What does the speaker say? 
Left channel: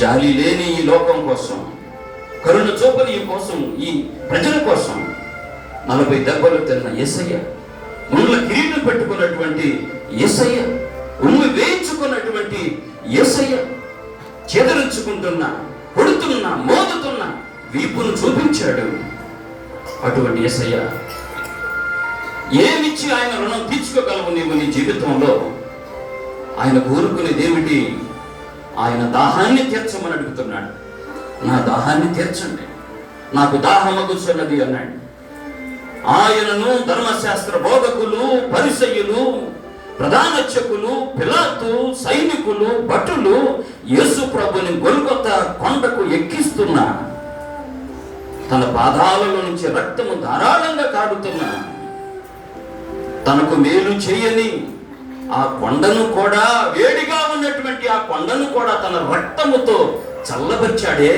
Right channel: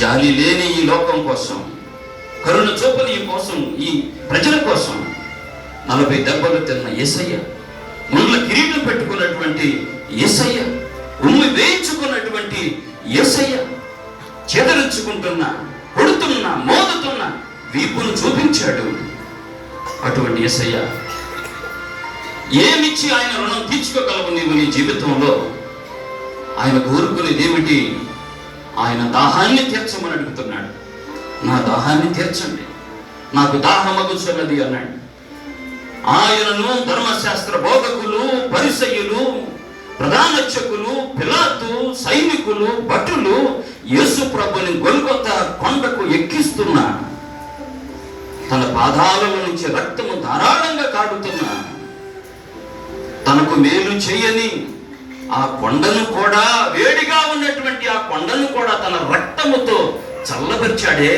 జాలి లేని ఈ లోకం కోసం, కరుణ చూపని ఈ కోసం, ఈ ప్రజల కోసం 40 దెబ్బలు తిన్న యేసయ్య, ముళ్ళ కిరీటం పెట్టుకున్నటువంటి యేసయ్య, ఉమ్మి వేయించుకున్నటువంటి యేసయ్య, చెదరించుకుంటున్న, కొడుతున్న, మోదుతున్న వీపును చూపించాడు. అటువంటి యేసయ్య ఏమిచ్చి ఆయన రుణం తీర్చుకోగలవు నీవు నీ జీవితంలో? ఆయన కోరుకునేది ఏమిటి? ఆయన దాహాన్ని తీర్చమని అడుగుతున్నాడు. నా దాహాన్ని తీర్చండి, నాకు దాహమగుచున్నది అన్నాడు. ఆయనను ధర్మశాస్త్ర బోధకులు, పరిసయ్యులు, ప్రధానర్చకులు, పిలాతు, సైనికులు, భటులు యేసు ప్రభుని గొల్గొతా కొండకు ఎక్కిస్తున్నా, తన పాదాలలో నుంచి రక్తము ధారాళంగా కారుతున్నా, తనకు మేలు చేయని ఆ కొండను కూడా, వేడిగా ఉన్నటువంటి ఆ కొండను కూడా తన రక్తముతో చల్లబరిచాడే.